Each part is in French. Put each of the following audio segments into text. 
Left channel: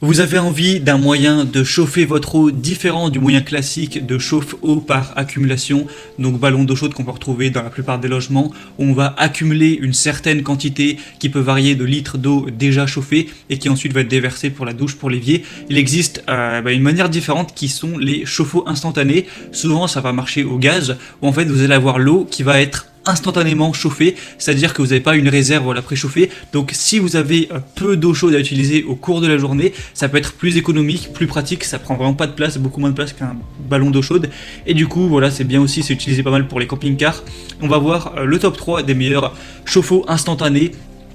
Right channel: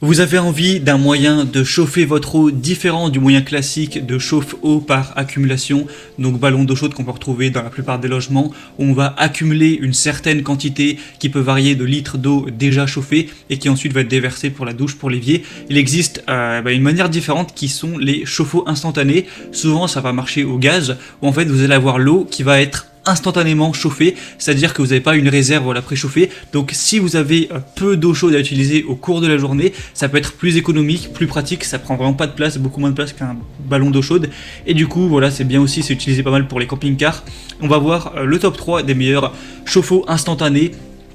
Vous avez envie d'un moyen de chauffer votre eau différent du moyen classique de chauffe-eau par accumulation, donc ballon d'eau chaude qu'on peut retrouver dans la plupart des logements, où on va accumuler une certaine quantité qui peut varier de litres d'eau déjà chauffée et qui ensuite va être déversée pour la douche, pour l'évier. Il existe une manière différente qui sont les chauffe-eau instantanés. Souvent ça va marcher au gaz, où en fait vous allez avoir l'eau qui va être instantanément chauffée, c'est-à-dire que vous n'avez pas une réserve à la préchauffer. Donc si vous avez peu d'eau chaude à utiliser au cours de la journée, ça peut être plus économique, plus pratique, ça prend vraiment pas de place, beaucoup moins de place qu'un ballon d'eau chaude. Et du coup, voilà, c'est bien aussi, c'est utilisé pas mal pour les camping-cars. On va voir le top 3 des meilleurs chauffe-eau instantanés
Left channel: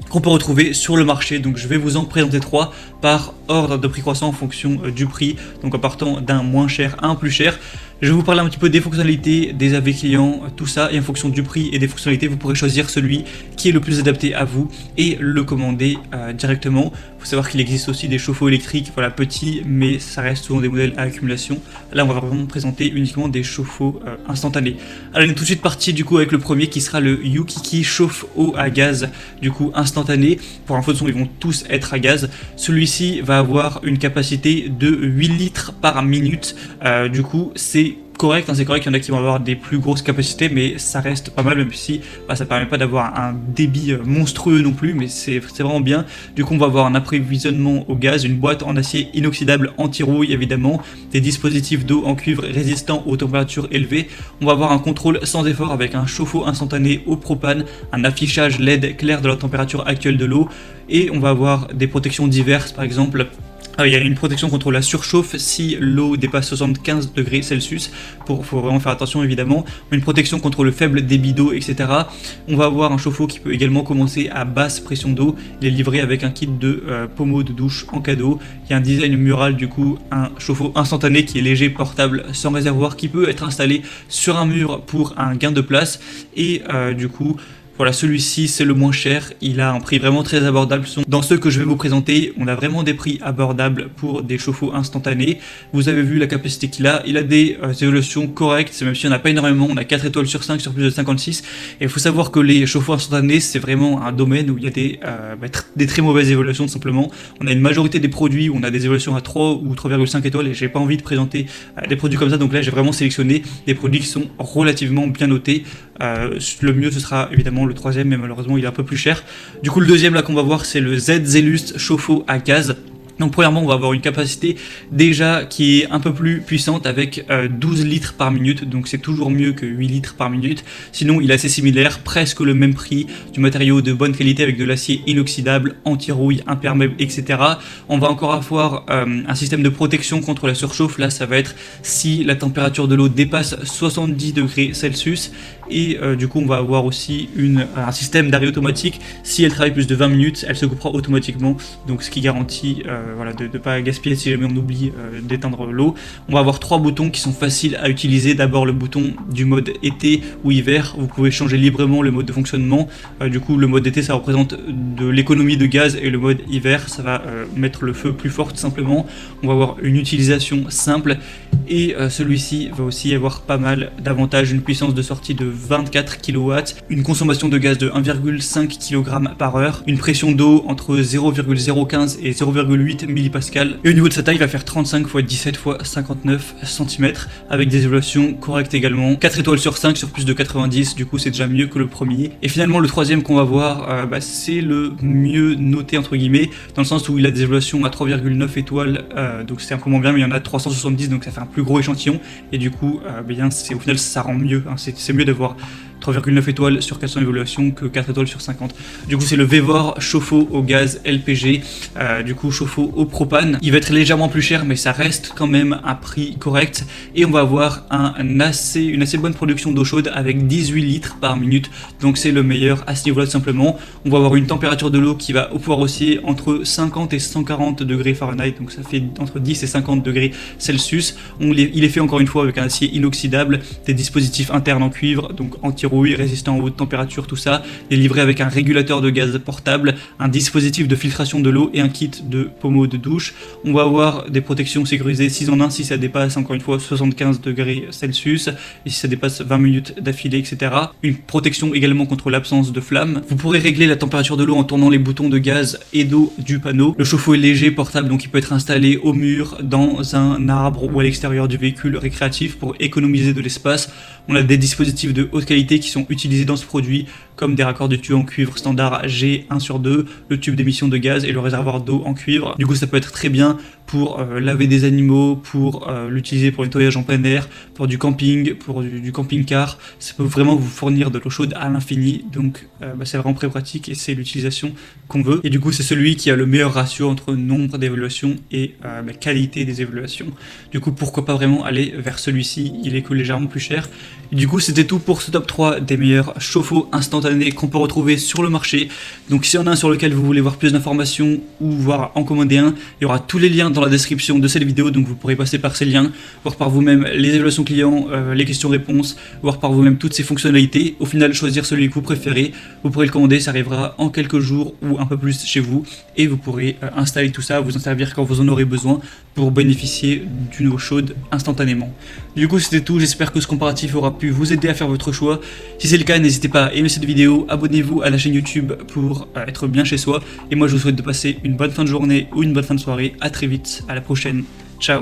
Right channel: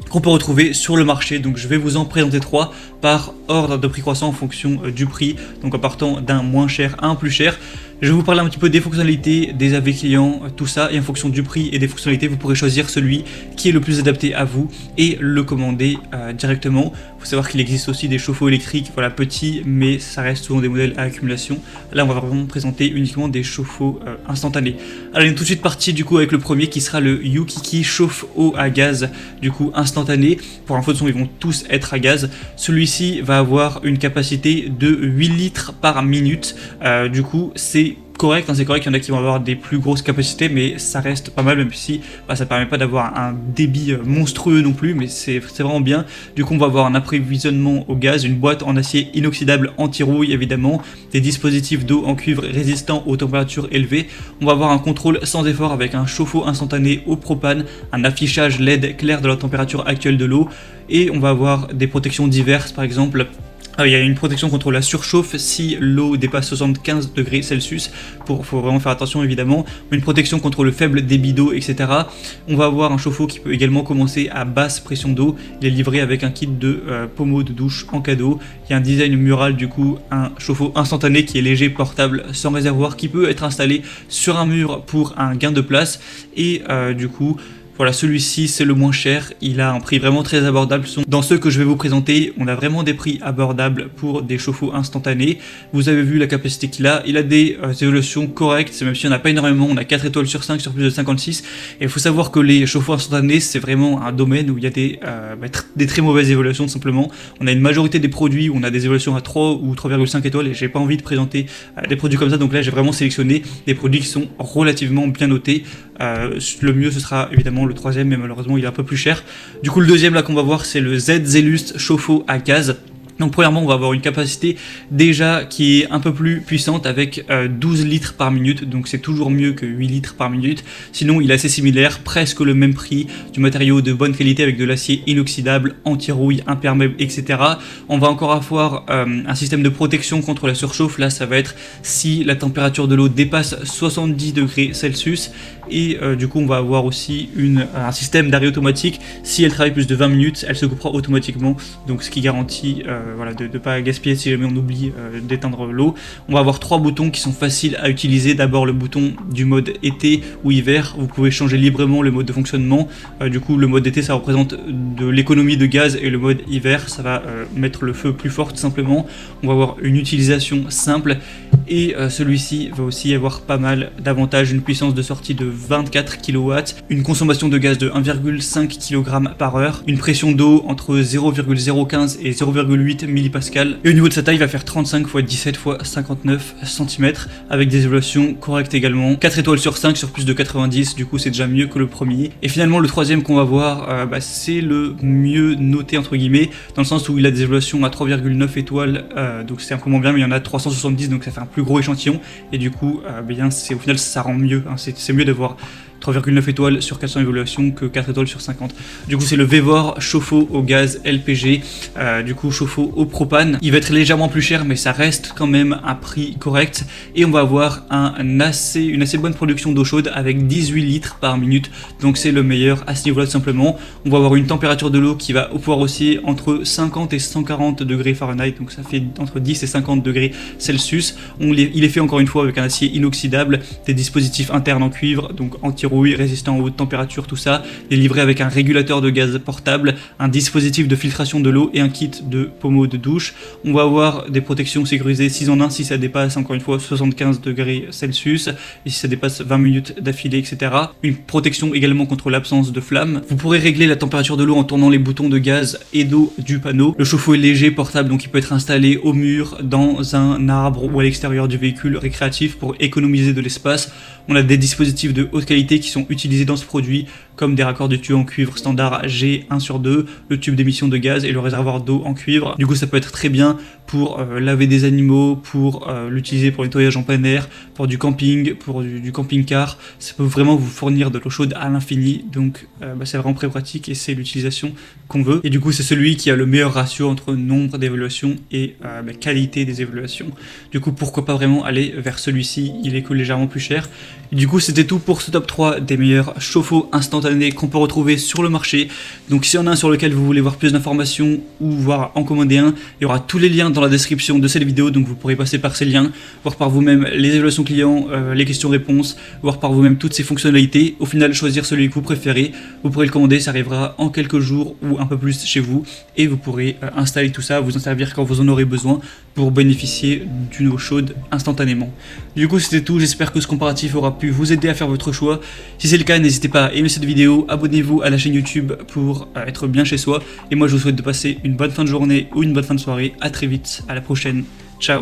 qu'on peut retrouver sur le marché. Donc je vais vous en présenter 3 par ordre de prix croissant en fonction du prix, donc en partant d'un moins cher à un plus cher. Je vais vous parler un petit peu des fonctionnalités, des avis clients, tout ça, et en fonction du prix et des fonctionnalités, vous pourrez choisir celui qui est le plus adapté à vous et le commander directement. Il faut savoir qu'il existe aussi des chauffe-eau électriques, voilà, petits, mais ça reste souvent des modèles à accumulation. Là, on va vraiment présenter uniquement des chauffe-eau instantanés. Alors, on est tout de suite parti du coup avec le premier qui sera le Yukiki chauffe-eau à gaz, du coup instantané. Pour information, ils vont tous être à gaz. Celui-ci va avoir une capacité de 8 litres par minute. Du coup, c'est correct, c'est correct, il y en a qui vont avoir des plus grosses capacités, mais ça reste pas mal, même si ça permet pas d'avoir un débit monstrueux non plus, mais c'est vraiment bien. Du coup, on va avoir un approvisionnement au gaz, une boîte en acier inoxydable anti-rouille évidemment, des dispositifs d'eau en cuivre résistants aux températures élevées. On va avoir un contrôle sans effort avec un chauffe-eau instantané au propane, un affichage LED clair de la température actuelle de l'eau, et on va avoir des protections diverses, par exemple. Il y a une protection contre la surchauffe si l'eau dépasse 75 degrés Celsius. Faut vraiment faire attention évidemment. Une protection contre le faible débit d'eau, etc. On va avoir un chauffe-eau qui peut également commencer à basse pression d'eau. Il est livré avec un kit de pommeau de douche en cadeau. Il y a un design mural du coup, un chauffe-eau instantané qui est léger, portable, sans réservoir, qui peut être installé sur un mur pour un gain de place. Et du coup, voilà, celui-ci c'est le moins cher, il a un prix vraiment très abordable. Dans ceux que je vais vous présenter, on a vraiment des prix abordables pour des chauffe-eau instantanés. Vous avez vu la capacité qu'il a, il a des évaluations correctes, même s'il n'y en a pas énormément, on a 4 étoiles sur 5 sur plus de 56. Et il faut savoir que les chauffe-eau instantanés, c'est vraiment un domaine où il y a des très mauvaises évaluations tout simplement. On a une majorité des produits où on a des évaluations à 3 ou 3,5 étoiles et j'ai pas envie de présenter des produits comme ça, donc là j'ai vraiment sélectionné des produits qui sont relativement bien notés. Le mieux ce sera évidemment le troisième, mais malheureusement il est un peu plus cher. Du coup le deuxième là qu'on va voir c'est le Z Zellust chauffe-eau à gaz. Donc premièrement on va avoir une capacité déjà qui est un peu plus puissante avec 12 litres par minute, donc c'est toujours mieux que 8 litres par minute. Sinon il est assez similaire, presque le même prix, du matériau de bonne qualité avec de l'acier inoxydable, anti-rouille, imperméable, etc. On va encore avoir un système de protection contre la surchauffe. Là ça va être si la température de l'eau dépasse 70 degrés Celsius. Et du coup on va avoir aussi un système d'arrêt automatique. Si elle travaille plus de 20 minutes, elle se coupera automatiquement, donc ce qui garantit voilà, de ne pas gaspiller si jamais on oublie d'éteindre l'eau. On va avoir 3 boutons qui sont faciles à utiliser. D'abord le bouton du mode été ou hiver, vous pouvez changer librement le mode de fonctionnement. Du coup le mode été ça représente de l'économie de gaz et le mode hiver ça va mettre le feu plus fort tout simplement. On va avoir une utilisation simple. Et celui-ci va aussi avoir pas mal d'avantages, une puissance de sortie de 24 kW, une consommation de gaz de 1,5 kg par heure, une pression d'eau entre 0,015 et 0,8 millipascal. Au niveau de sa taille, il va faire 35 x 17 x 59 cm avec des évaluations correctes également. 4 étoiles sur 5 sur plus de 90, du coup c'est déjà mieux que le premier. Et finalement le troisième qu'on va voir, c'est le mieux noté entre guillemets, dans le sens où il a des évaluations à 3,9 étoiles, donc c'est un peu moins bien, mais il y en a 370, donc ça fait un plus gros échantillon. Et du coup, au final ça rend mieux, hein, c'est mieux d'avoir 3,9 étoiles sur 400 évaluations que 4 étoiles sur 50. Du coup c'est le Vevor chauffe-eau au gaz LPG, du coup chauffe-eau au propane. Il va être légèrement plus cher mais ça reste quand même un prix correct. Et on va avoir une assez bonne production d'eau chaude avec 18 litres par minute. Donc c'est le meilleur à ce niveau-là tout simplement. On va avoir une température de l'eau qui va pouvoir osciller entre 50 et 140 degrés Fahrenheit. Donc ça fait entre 10 et 50 degrés Celsius. Il est fait encore une fois avec un acier inoxydable, des dispositifs internes en cuivre, donc anti anti-rouille, résistant aux hautes températures, tout ça. Il est livré avec un régulateur de gaz portable, un dispositif de filtration de l'eau et un kit de pommeau de douche. On va avoir des protections sécurisées 6 en 1 si ça dépasse encore une fois 75 degrés Celsius et si ça dépasse 20 minutes d'affilée, etc. Une protection également contre l'absence de flammes. Vous pourrez régler la température de l'eau en tournant les boutons de gaz et d'eau du panneau. Le chauffe-eau est léger, portable, donc il peut être installé au mur, dans un arbre ou à l'extérieur du véhicule récréatif pour économiser de l'espace. On a des dispositifs de haute qualité qui sont utilisés dans ce produit, comme des raccords de tuyaux en cuivre standard G1/2, le tube d'émission de gaz et le réservoir d'eau en cuivre. Du coup, ça peut être très bien pour laver des animaux, pour l'utiliser pour le nettoyage en plein air, pour du camping, pour du camping-car. Ça peut vraiment vous fournir de l'eau chaude à l'infini, donc c'est vraiment très pratique et c'est l'utilisation qu'on veut. Et du coup, c'est celui qui a le meilleur ratio entre nombre d'évaluations et la qualité des évaluations. Du coup, pourquoi pas vraiment aller vers celui-ci, il est que légèrement plus cher. Et du coup, c'était tout pour ce top 3 des meilleurs chauffe-eau instantanés qu'on peut retrouver sur le marché. Donc s'il y en a un sur lequel vous voulez voir plus d'informations ou voir en commander un, il y aura tous les liens dans la description de cette vidéo, donc vous pourrez passer par ces liens, voir par vous-même les évaluations clients, les questions-réponses, voir par vous-même toutes ces fonctionnalités. Au final, choisir celui que vous préférez. Vous pourrez le commander, ça arrivera en quelques jours ou un peu plus chez vous et vous pourrez installer tout ça, vous en servir quand vous en aurez besoin pour bénéficier d'une eau chaude instantanément. Du coup, c'était tout. J'espère que ce comparatif aura pu vous aider à faire votre choix. Si c'est le cas, n'hésitez pas à aimer cette vidéo, abonnez-vous à la chaîne YouTube pour être bien chez soi. Et moi, je vous souhaite de passer une bonne fin de journée ou une bonne fin de soirée. À très vite, à la prochaine. Ciao.